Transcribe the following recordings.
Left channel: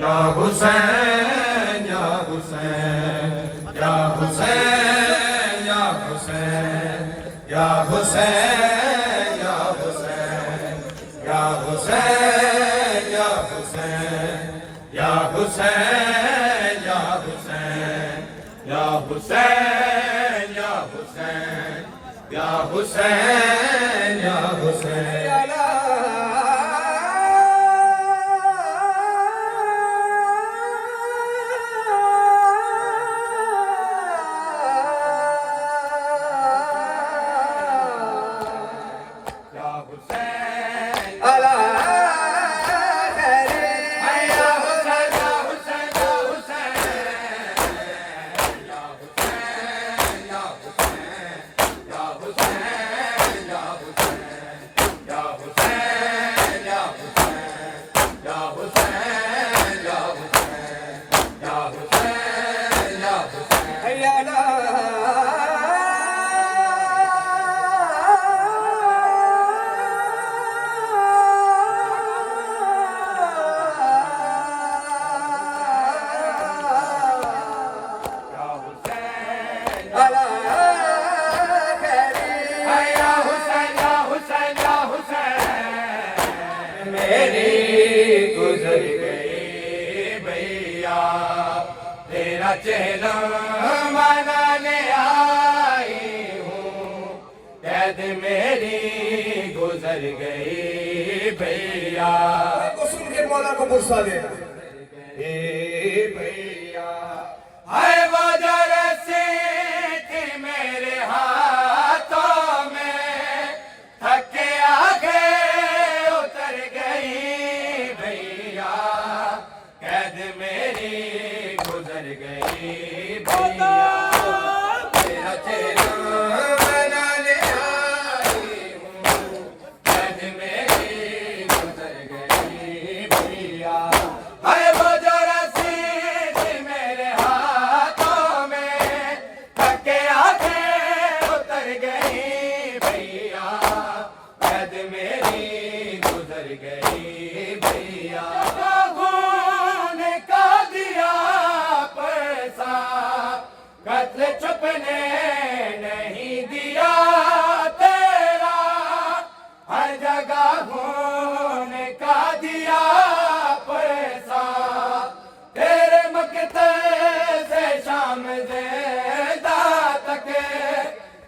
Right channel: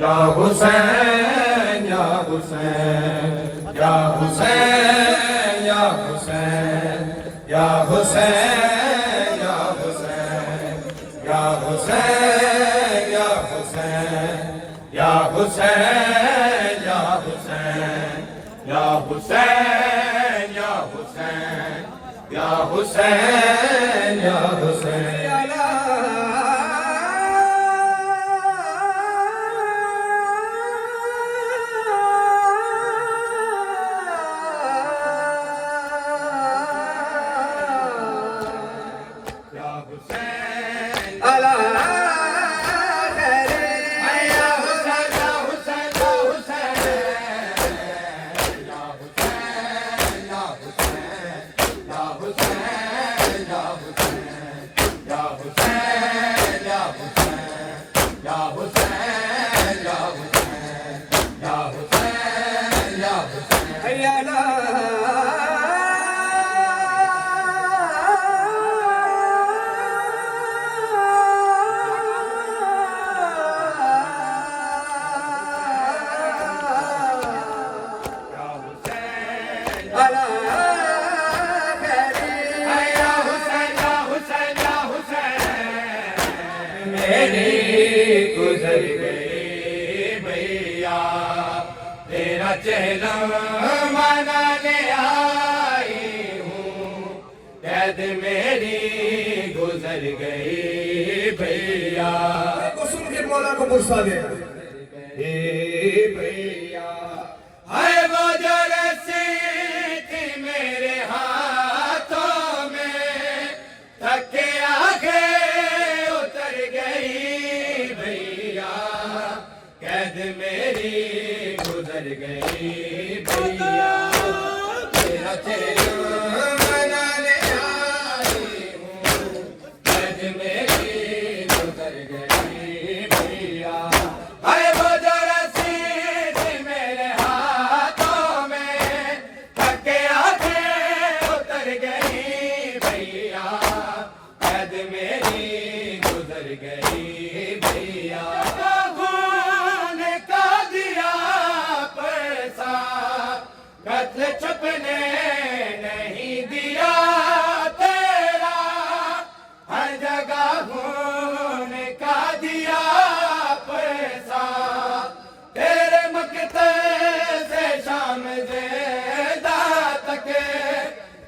या हुसैन या हुसैन या हुसैन या हुसैन या हुसैन या हुसैन या हुसैन या हुसैन या हुसैन या हुसैन या हुसैन या हुसैन या हुसैन या हुसैन गुजर गई भैया तेरा चेहरा मनाने आई हूँ कैद मेरी गुजर गई भैया सुन के मौला को गुस्सा दे भैया है वो जो रस्सी थी मेरे हाथों में थके आगे उतर गई भैया कैद मेरी गुजर गई भैया तेरा चेहरा मनाने आई हूँ कैद मेरी गुजर गई भैया अरे वो जो रस्सी थी मेरे हाथों में थके आगे उतर गई भैया कैद मेरी गुजर गई भैया खून का दिया पैसा कत्ल छुपने नहीं दिया तेरा हर जगह खून का दिया पैसा तेरे मकतल से शाम ज़ेदा तक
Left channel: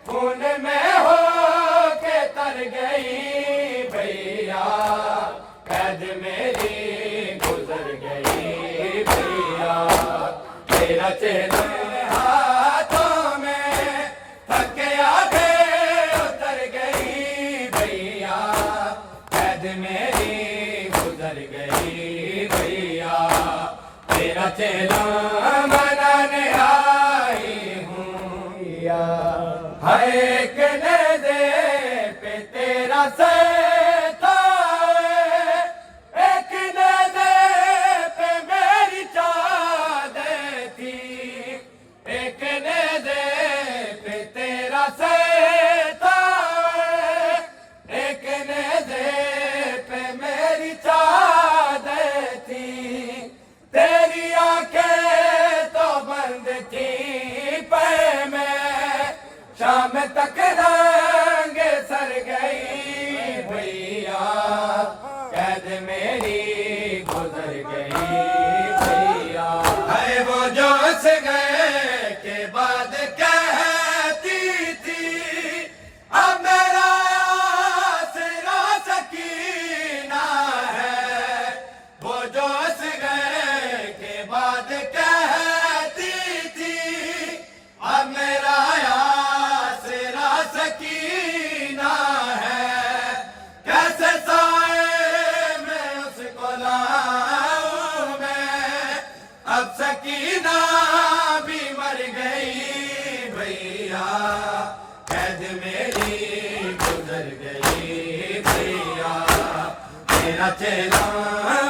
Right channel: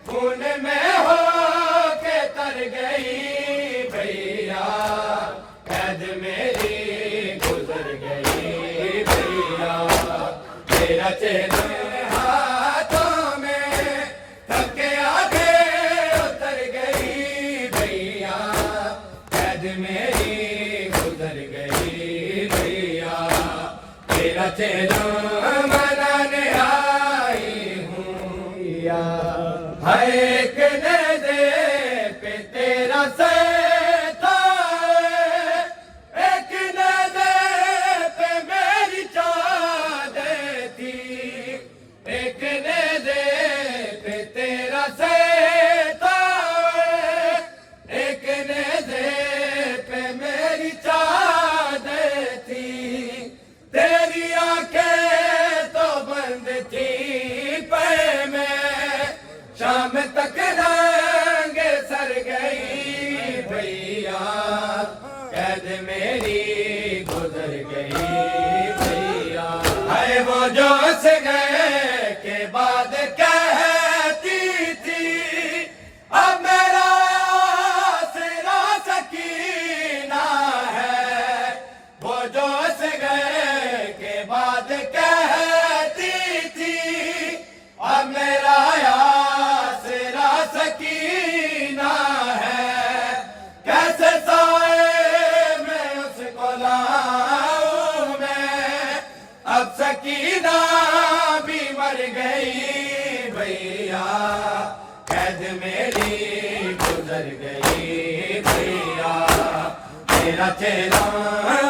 खून में हो के तर गई भैया कैद मेरी गुजर गई भैया तेरा चेहरा हाथों में थके आगे उतर गई भैया कैद मेरी गुजर गई भैया तेरा चेहरा मनाने आई हूँ या है के दे पे तेरा सैथा एक दे पे मेरी चादर थी एक दे पे तेरा सैथा एक दे पे मेरी चादर थी तेरी आंखें तो बंद थी पे मैं शाम तक रंग सर गई भैया कैद मेरी गुजर गई भैया अरे वो जो से गए के बाद कहती थी अब मेरा आसरा सकीना है वो जो से गए के बाद कहती थी अब मेरा आसरा सकीना है कैसे साए मैं उसको लाऊं मैं अब सकीना भी मर गई भैया कैद मेरी गुजर गई भैया तेरा चेहरा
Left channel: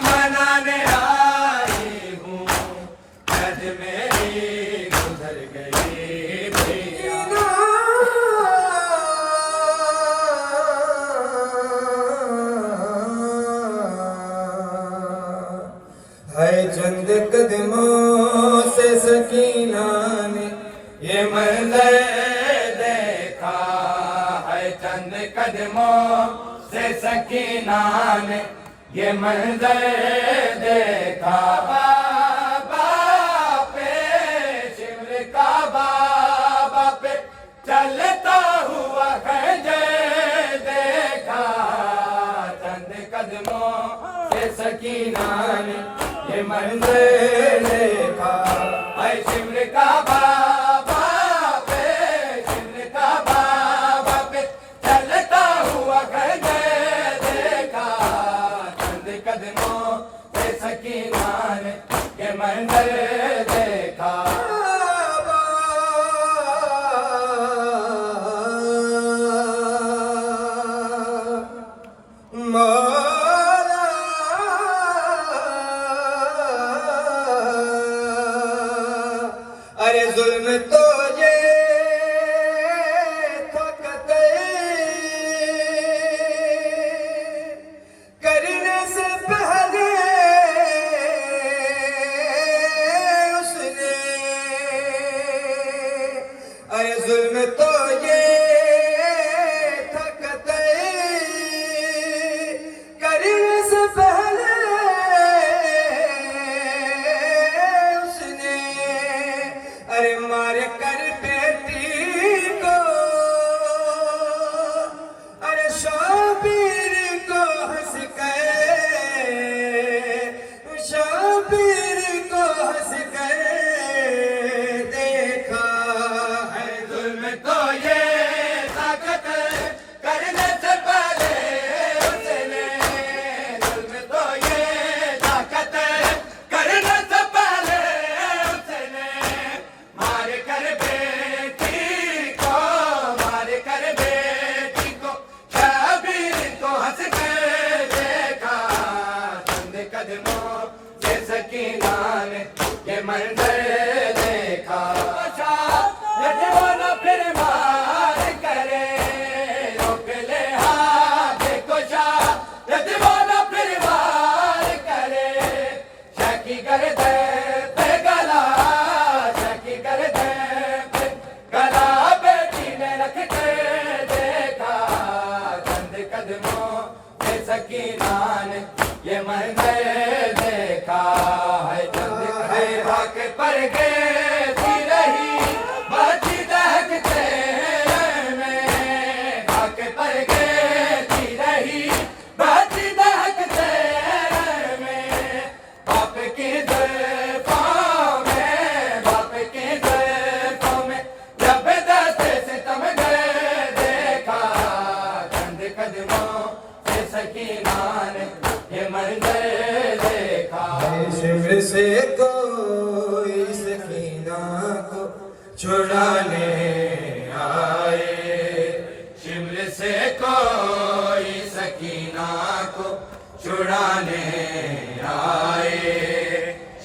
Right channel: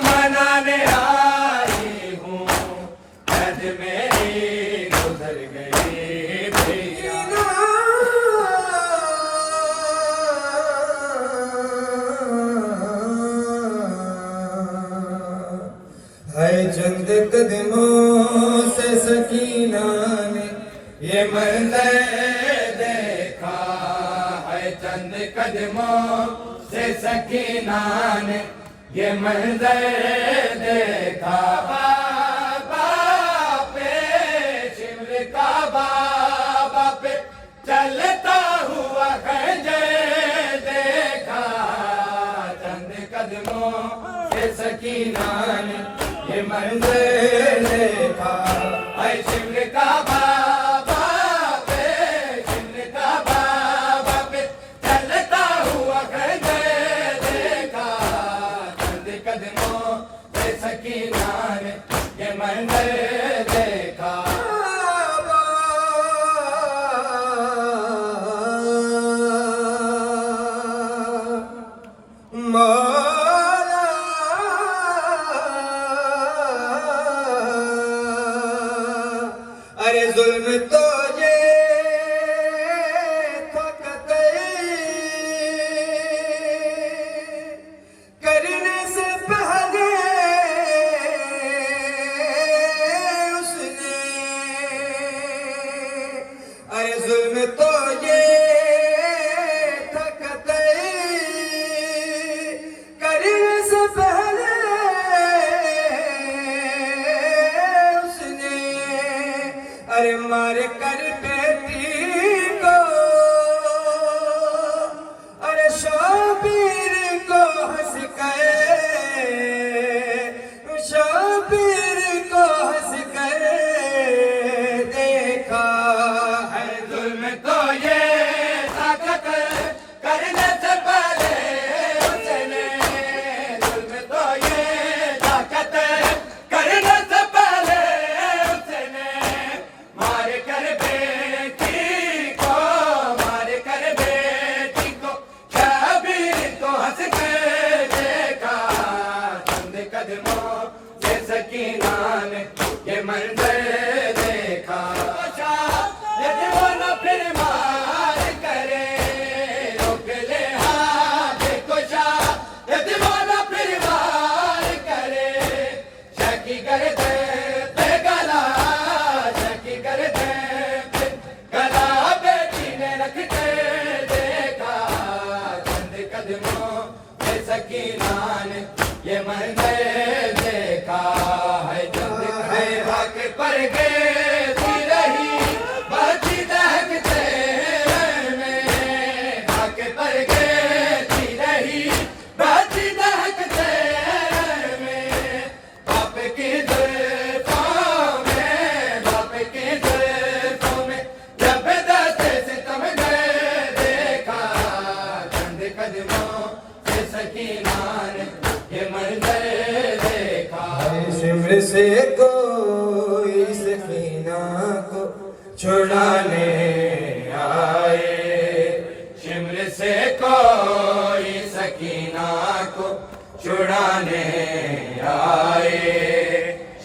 मनाने आई हूँ कैद मेरी गुजर गई भैया है जन कदमों से सकीना ने ये मंजर देखा है, चंद कदमों से सकीना ने ये मंजर देखा। बाबा पे शिमर का बाबा पे चलता हुआ खंजर देखा, चंद कदमों से सकीना ने ये मंजर देखा। है शिमर का बाबा पे शिमर का बाबा पे चलता हुआ खंजर देखा, चंद कदमों से सकीना ने ये मंजर देखा। अरे जुल्म तो ये फकत करने से पहले उसने, अरे जुल्म तो ये फकत करने से पहले अरे मार कर बेटी को, अरे शबीर को हंस कर, शबीर को हंस कर देखा है। जुल्म तो ये ताकत करने से पहले उसने, जुल्म तो ये ताकत करने से पहले उसने मार कर बेटी को, मार कर बेटी को शबीर को हंस कर देखा, चंद कदमों से सकीना ने ये मंजर देखा। ये दीवाना फिर मार करे रोक ले हाथ को शाह, ये दीवाना फिर मार करे शकी कर दे पे गला, शकी कर दे पे गला, बेटी ने रख कर देखा, चंद कदमों से सकीना ने ये मंजर देखा है। चंद कदम भाग पर गए थी रही बाती दहकते में, भाग पर गए थी रही बाती दहकते में, बाप की जुल्फों में, बाप की जुल्फों में जब दस्ते से तुम गए देखा, चंद कदमों से सकीना ने ये मंजर देखा। शिमर से कोई सकीना को छुड़ाने आए, शिमर से कोई सकीना को छुड़ाने आए,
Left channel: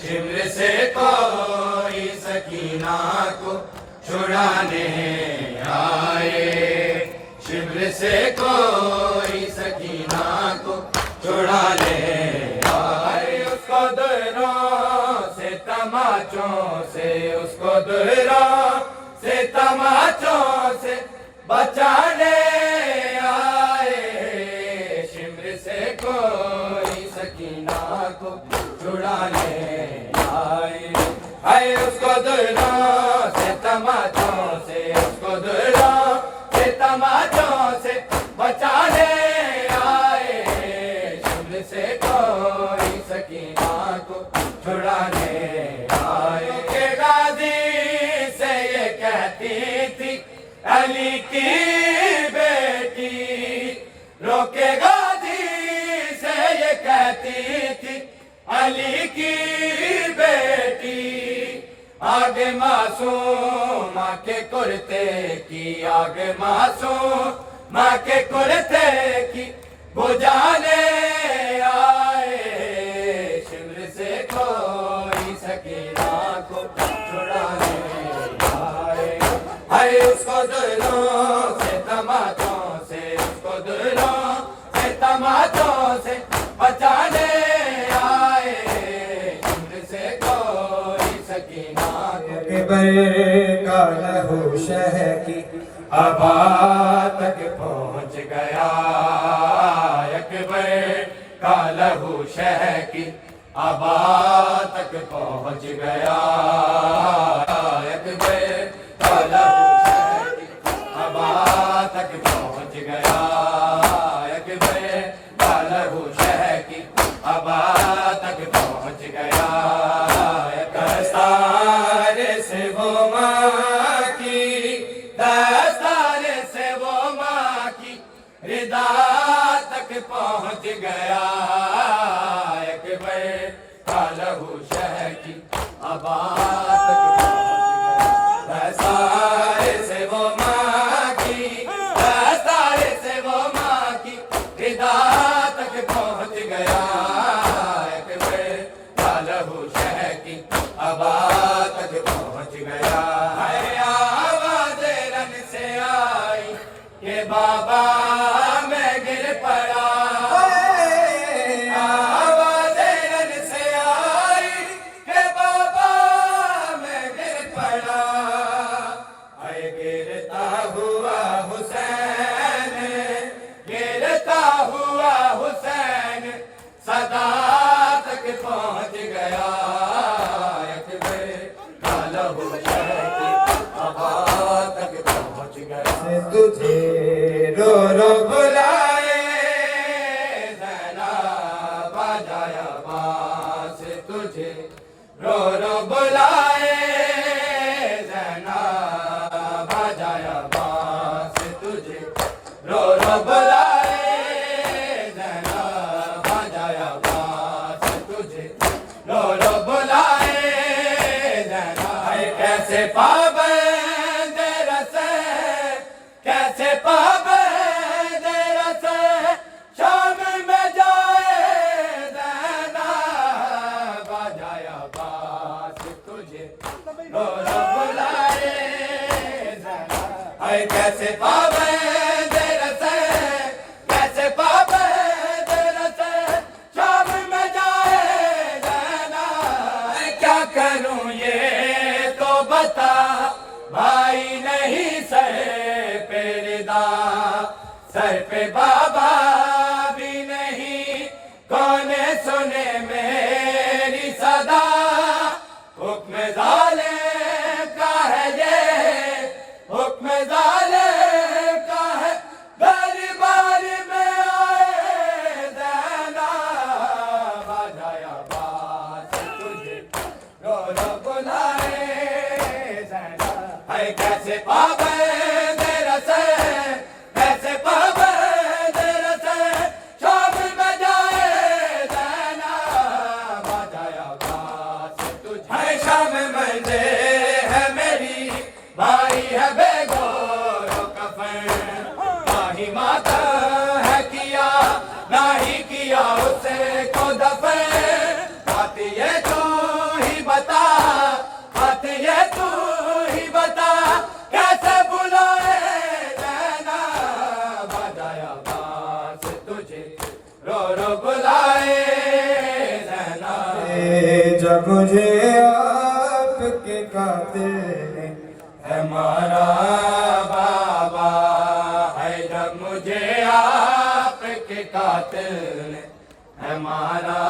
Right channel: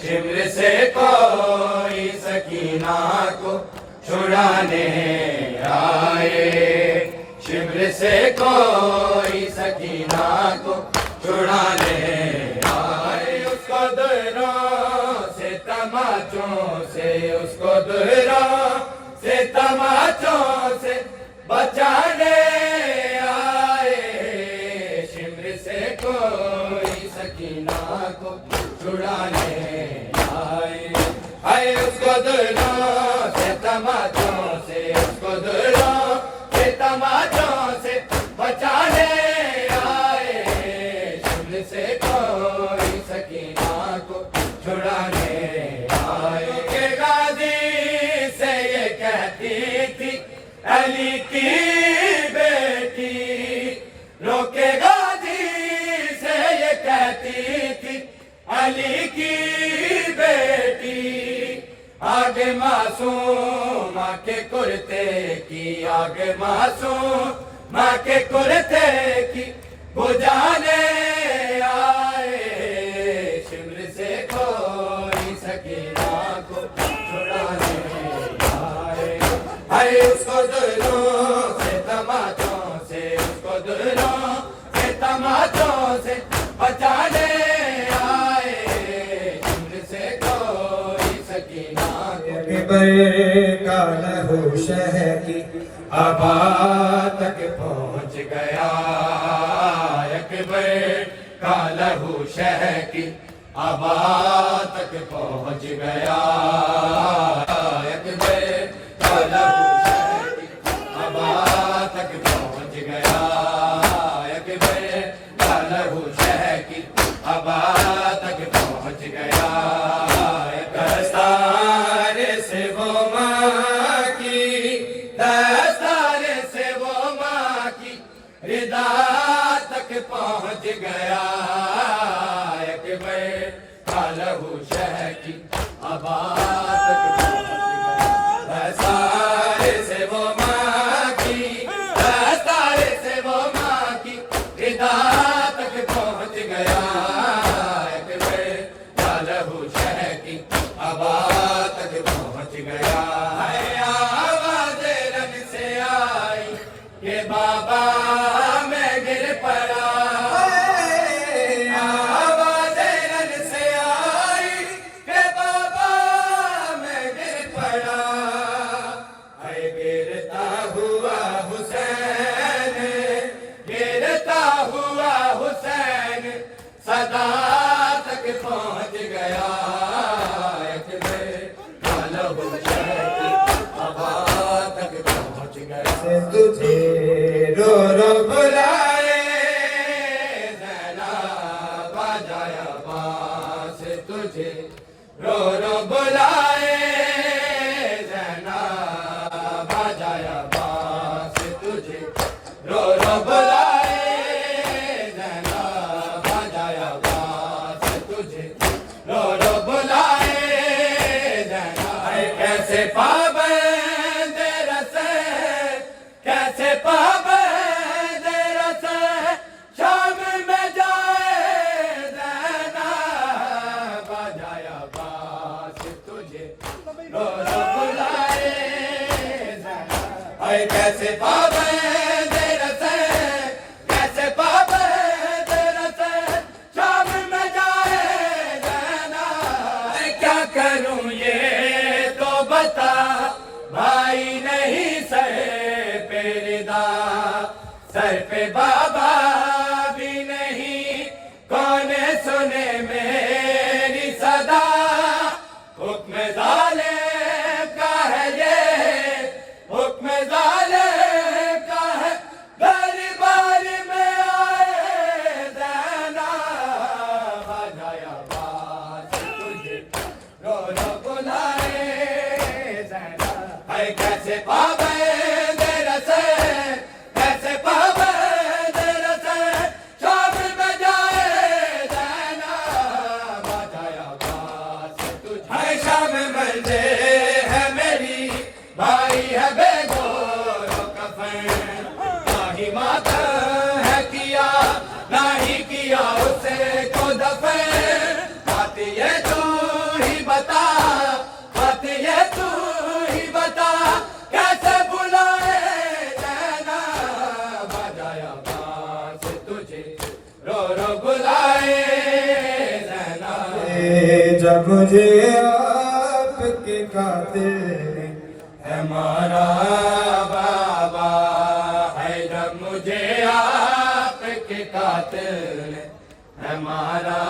शिमर से कोई सकीना को छुड़ाने आए, शिमर से कोई सकीना को छुड़ाने आए। उसको दूरों से तमाचों से, उसको दूरों से तमाचों से बचाने आए, शिमर से कोई सकीना को छुड़ाने आए। आए उसको दूरों से तमाचों से, उसको दूरों से तमाचों से बचाने आए, शिमर से कोई सकीना को छुड़ाने आए। के गाजी से ये कहती थी अली की बेटी, रोके गाजी से ये कहती थी अली की बेटी, आगे मासूम माँ के कुर्ते की, आगे मासूम माँ के कुर्ते की बुझाने आए, शिमर से कोई सकीना को छुड़ाने आए। अरे उसको दिलों से तमाचों से, उसको दिलों से तमाचों से बचाने आए, शिमर से कोई अकबर का लहू शह की अबा तक पहुँच गया, अकबर का लहू शह की अबा तक पहुँच गया, अकबर का लहू शह की अबा तक पहुँच गया, अकबर का लहू शह की अबा तक पहुँच गया। दस्तार से वो माँ की, दस्तार से वो माँ की रिदा तक पहुँच गया, अकबर का लहू शह की अबा तक पहुँच गया। दस्तार से वो माँ की, दस्तार से वो माँ की रिदा तक पहुँच गया, अकबर का लहू शह की अबा तक पहुँच गया। है आवाज़ रन से आई कि बाबा मैं गिर पड़ा, आवाज़ रन से आई कि बाबा मैं गिर पड़ा। अरे गिरता हुआ हुसैन, गिरता हुआ हुसैन सदा तक पहुँच गया, अकबर का लहू शह की अबा तक पहुँच गया। तुझे रो रो बुलाए ज़ैना बजाया बांस तुझे रो रो बुलाए, ज़ैना बजाया बांस तुझे रो रो बुलाए, ज़ैना बजाया बांस तुझे रो रो बुलाए, ज़ैना। कैसे पाबंद रसे, कैसे पाबंद रसे शाम में जाए, ज़ैना बजाया बांस तुझे रो रो बुलाए, ज़ैना। हाय कैसे पाबंद रसे, कैसे पाबंद रसे शाम में जाए, ज़ैना। क्या करूं ये तो बता भाई नहीं सर पे रिदा, सर पे बाबा भी नहीं कौन सुने मेरी सदा। हुक्म ज़ाले का है ये, हुक्म ज़ाले का है दरबार में आए, ज़ैना बजाया बांस तुझे रो रो बुलाए, ज़ैना। हाय कैसे पाबंद रसे, कैसे पाबंद रसे शाम में जाए, ज़ैना बजाया बांस तुझे। हाय शाम मंजे है मेरी, भाई है बेगोरो कफन, नाही माता है किया, नाही किया उसे को दफन। बात ये तू ही बता, बात ये तू ही बता कैसे बुलाए, ज़ैना बजाया बांस तुझे रो रो बुलाए, ज़ैना। जब मुझे आपके कातिल ने है मारा बाबा, है जब मुझे आपके कातिल ने है मारा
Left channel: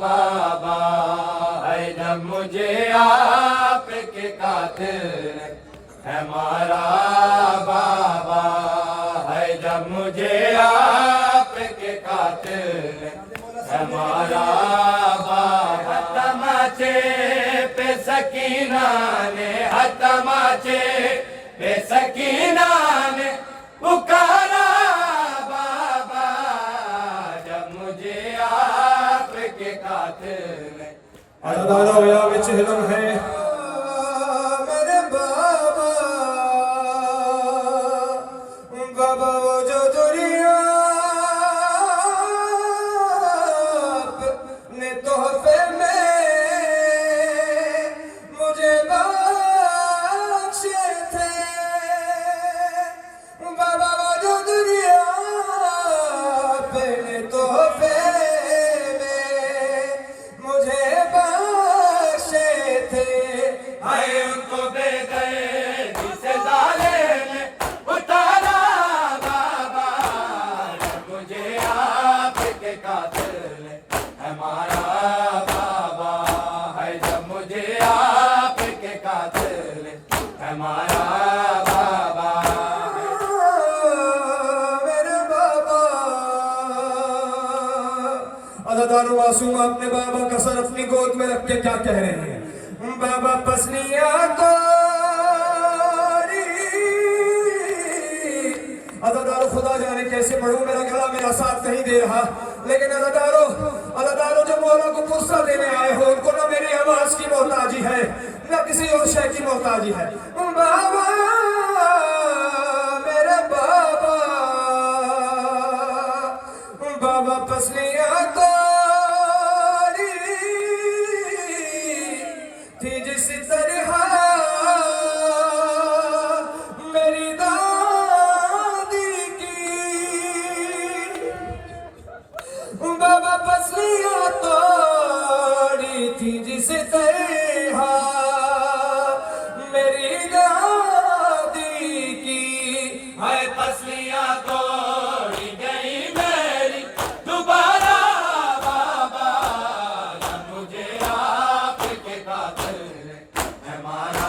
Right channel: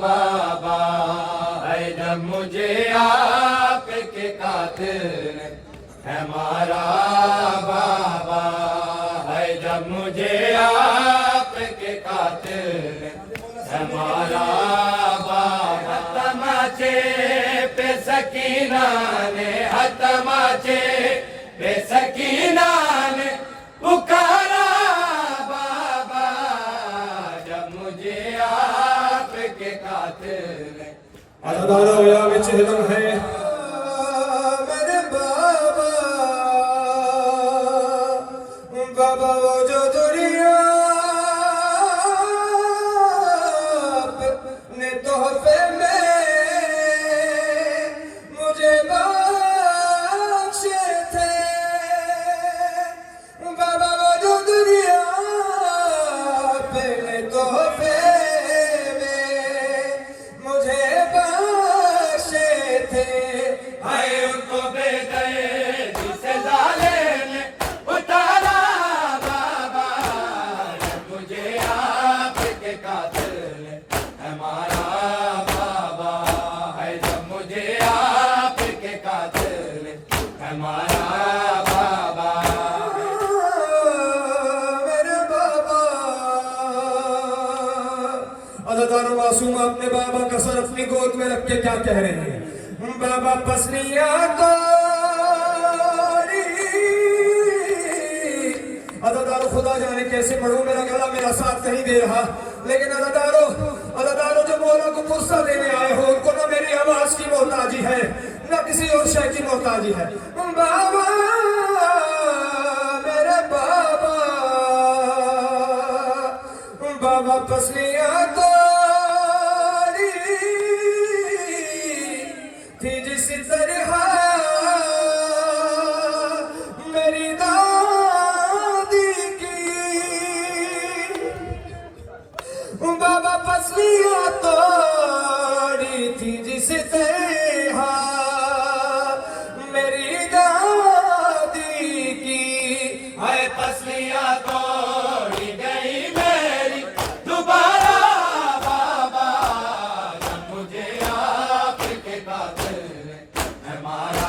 बाबा, है जब मुझे आपके कातिल ने है मारा बाबा, है जब मुझे आपके कातिल ने है मारा बाबा। तमाचे पे सकीना ने, तमाचे पे सकीना ने पुकारा बाबा, जब मुझे आपके कातिल ने अदारा होया विच हिलम है मेरे बाबा, बाबा वो जो दुनिया ने तोहफे में मुझे बख्शे थे, बाबा वो जो दुनिया पे तोहफे में मुझे बख्शे थे। हाय उनको अदादार मासूम अपने बाबा का सर अपनी गोद में रख के क्या कह रहे हैं? बाबा पसलियां तोड़ी, अदादारो खुदा जाने कैसे मरूं, मेरा गला मेरा साथ नहीं दे रहा। लेकिन अदादारो जो मौला को पुरसा देने आए हो, उनको ना मेरी आवाज की मोहताजी है ना किसी और शय की मोहताजी है। बाबा मेरे बाबा, बाबा पसलियां तोड़ी थी जिस तरह मेरी दादी की, बाबा पसलियां तोड़ी थी जिस तरह मेरी दादी की। हाय पसलियां तोड़ी गई मेरी दोबारा बाबा, जब मुझे आपके कातिल है मारा